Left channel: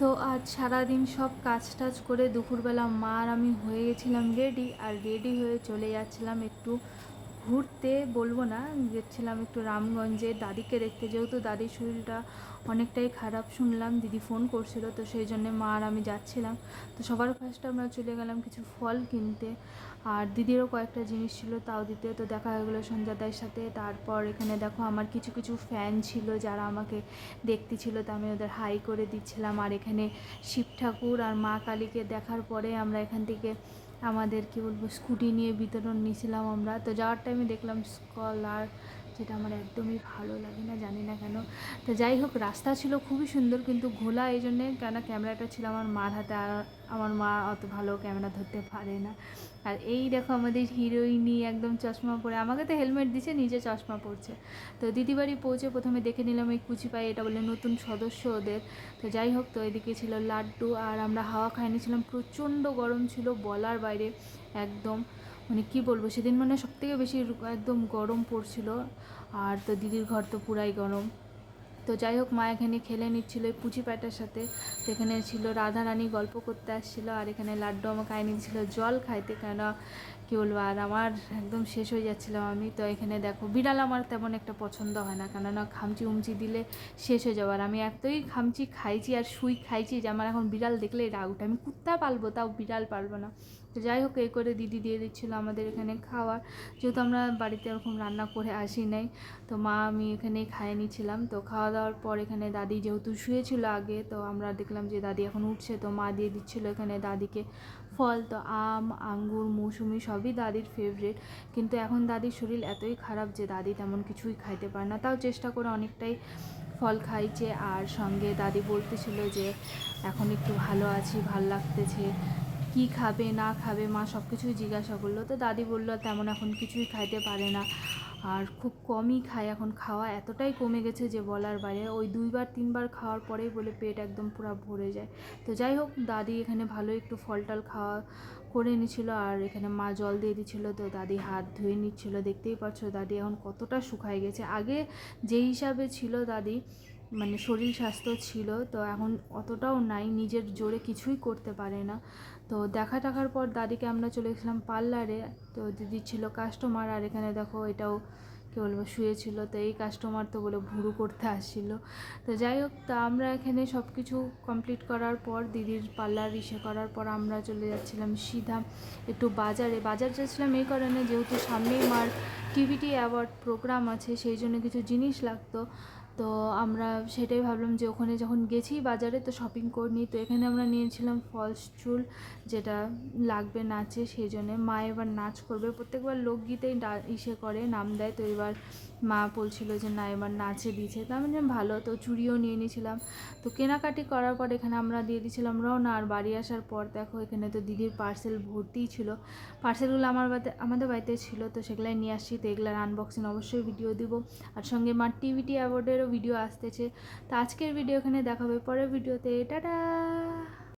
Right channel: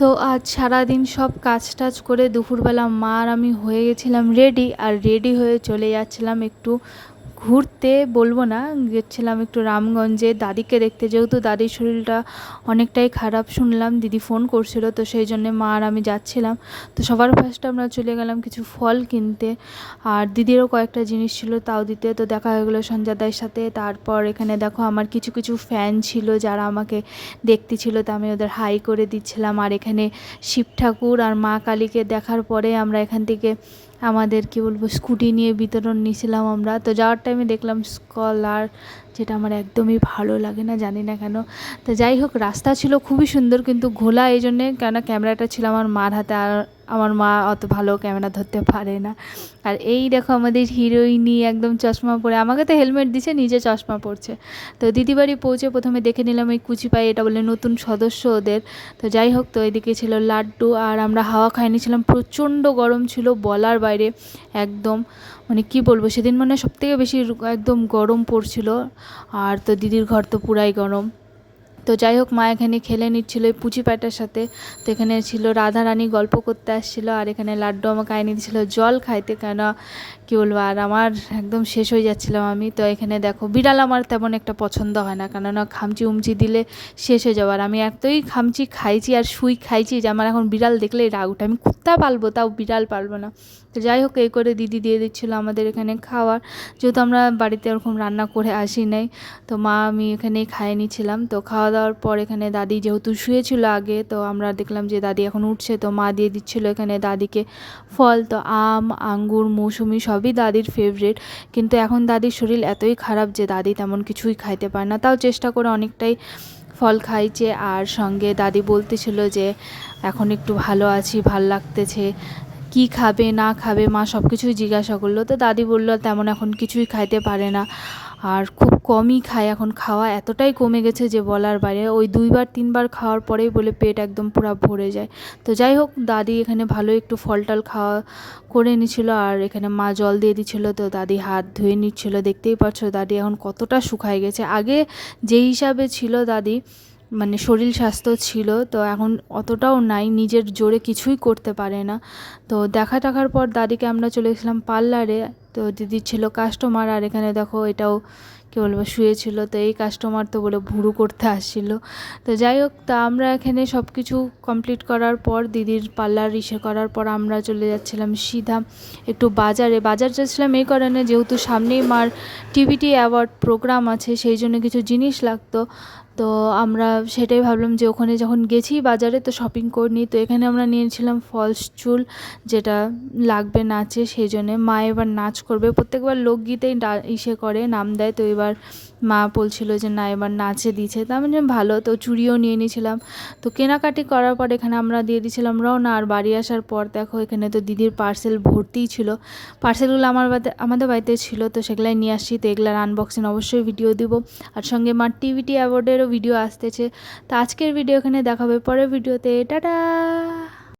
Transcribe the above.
তো আজ সারাদিন সব কাজ টাজ করে দুপুরবেলা মা আর আমি হয়ে গেছিলাম রেডি, আর রেডি হয়ে চলে যাচ্ছিলাম একটু ঘুরতে, বলবো না, গেছিলাম একটু রামগঞ্জে দাদিকে দেখতে, যেহেতু দাদির শরীরটা অনেকটাই খারাপ শুনলাম, দিদি ফোন করছিল, তো সেই জন্যে মা আর আমি যাচ্ছিলাম। তো সবার ফার্স্টে আমরা চলে গেলাম কিছু ফল কিনতে, আর দিদিরও কয়েকটা জিনিস ছিল তাও দিতে। তো দেখা হয়ে গেলো সঞ্জয়দার সাথে। তারপর এখানে দেখো আমার কিছু কিছু ফ্যান ছিল যারা আমাকে দেখতে ছিল, তো আমি ওদের হাই করে দিচ্ছিলাম। আর এখানে শিব ঠাকুর আর মা কালীকে দেখার পরে আমরা এখান থেকে আমাদের কি বলবো স্কুটি নিয়ে বিতরণ নিয়েছিলাম আমরা। তো যাওয়ার টাইমে দেখলাম স্কলার, যেটা আমার একদমই ভালো লাগে না, জানি না কেন। তো যাই হোক, রাস্তা ছিল খুবই সুন্দর কিন্তু ঘোলা, এই জন্যে কেন ক্যামেরাটা ছিল আমার মার হাতে, আর আমার মা অত ভালো ক্যামেরা ধরতে পারে না। আর এই দেখো আমাদের হিরোইনি একদম চশমা পরে, আমাকে তো হেলমেট দিছে, নিজে চশমা পরছে। তো দিদি বাড়ি পৌঁছে প্রথমে দেখে নিলাম এই কুচি পাই, এটা বলে নতুন সদস্য ওদের। তো যাই হোক, তো এদিকে ছিল লাড্ডু, আর আমরা হাওয়া খাই নিয়েছিলাম, প্রচণ্ড গরম ছিল বলার বাইরে একদম, মানে কি বলবো, সেদিন মানে সবথেকে বেশি একদম গরম পড়ছিল। আর তো দিদির ঘর তো পুরাই গরম। তো যাই হোক, মা এখানে খেলে নিচ্ছিলো এই পুচি পাটার সাথে। তো এখানে ছিল রাধা রানী গল্প করতে আসছিলো, আর এখানে লাড্ডু আমাকে আইনে দিচ্ছিলো জল খাইতে, কেন কী বলবো, আর আমার একদম শেষ হয়ে যাচ্ছিলাম আমি। তো এখানে দেখো বিড়াল আমার তেমন একটা পছন্দ হয় না, কেননা খামচি উমচি দিলে শেষ হয়ে যাওয়ার, আমি এতই খামচি খাইছি আর শুই খাইছি যে আমার এখন বিড়াল দেখলেই রাগ উঠে, আমি কুত্তা পালবো তাও বিড়াল পালবো না। তো যাই হোক, এই করে দিদি দিয়ে দিচ্ছিলো আমাদের এখানে খাওয়ার, যেহেতু আমরা বাড়িতে ওরকম রান্না করে আসি নাই। তো মা আমি এখানেই খাইয়ে নিচ্ছিলাম। তো খাওয়া দাওয়ার পর এখানে দাদি যেহেতু শুয়েছিল আগে, তো আমরা দেখলাম যে দাদি এখন উঠছে, তো মা দিয়ে দিচ্ছিলো এখানে দাদিকে ফল। তো আম, আঙ্গুর, মৌসুমি সবই দাদির ফেভারিট, কিন্তু এখন দাদির শরীর এতই খারাপ যে দাদি তেমন কিছুই খাইতে পারে না, তাও চেষ্টা করে অনেকটাই ফল খাইছে। আর সঙ্গে দাদি বলতেছিল যে এখন একটু ভালো আছি, ভাল লাগতেছে, কি খাবে না খাবে মা সব কিছুই জিজ্ঞাসা করলো। তো দাদি বললো তেমন এখন কিছুই খাইতে পারে না, আর খুব কমই খায়, এখন খাওয়া এতটাই কমে গেছে যে বলার বাইরে, ওই 2-3বার খাওয়ার পরেই বলে পেট একদম পুরো ভরে যায়। তো যাই হোক, দাদি এখানে ভালো একটু ফল টল খাওয়া করে নিচ্ছিল, আর এখানে মা জল দিয়ে দিচ্ছিলো, তো দাদি হাত ধুয়ে নিচ্ছিল। দেখতেই পাচ্ছ দাদি এখন কতটা শুকায় গেছে, আগে যে হিসাবে ছিল দাদি, মানে শরীর স্বাস্থ্য ছিল, তো এখন অতটাও নাই, নিজের জোরে কিছুই করতে পারে না। তো দেখা টাকার পর দাদিকে আমরা চলে গেছিলাম পার্লারে। তো দিদির ছিল কাস্টমার, আর এখানে দেখো এটাও কী বলবো শুয়েছিল, তো এই কাস্টমার তো বলে ভুরু করতে আসছিল। তো যাই হোক, তা আমরা এখানে সব কিছু কমপ্লিট করার পর দিদির পার্লার করার পর আমরা চলে যাচ্ছিলাম সিধা একটু বাজার যাচ্ছিলাম এই কারণে, যেহেতু সামনেই মার টিভিটি অ্যাওয়ার্ড প্রোগ্রাম আছে, সেই জন্য কিছু জিনিস লাগতো। তো আমরা সেটাই ভাবলাম যে ওখানে যখন গেছি বাজারে তো শপিং করে নিই। তো এখানে আমরা নিয়েছিলাম ফলস চুল, যেটা লাগবে নাচে, সেই জন্যে মা এবার নাচ করবে, প্রত্যেকবার লোকগীতেই করে নাম দেয়, তো এবার মা বলছিল যে না এবার নাচে দিচ্ছে, তো আমি ভালো, তো চুড়িও নিয়ে নিয়েছিলাম। তো কেনাকাটি করার পর এখানে আমরা দিয়ে দিয়েছিলাম রওনা। আর বাড়ি আসার পর দেখো এখানে তো দিদির পার্সেল ভর্তিই ছিল, পার্সেলগুলো আমাদের বাড়িতে ছিল, তো সেগুলাই নিয়ে আসছি। তো এগুলার আনবক্সিং অবশ্যই ভিডিও দিব, আর সঙ্গে মার টিভিটি অ্যাওয়ার্ডেরও ভিডিও আসতেছে। তো আজকের ভিডিও এখানে দেখাবে, পরের ভিডিওতে টাটা।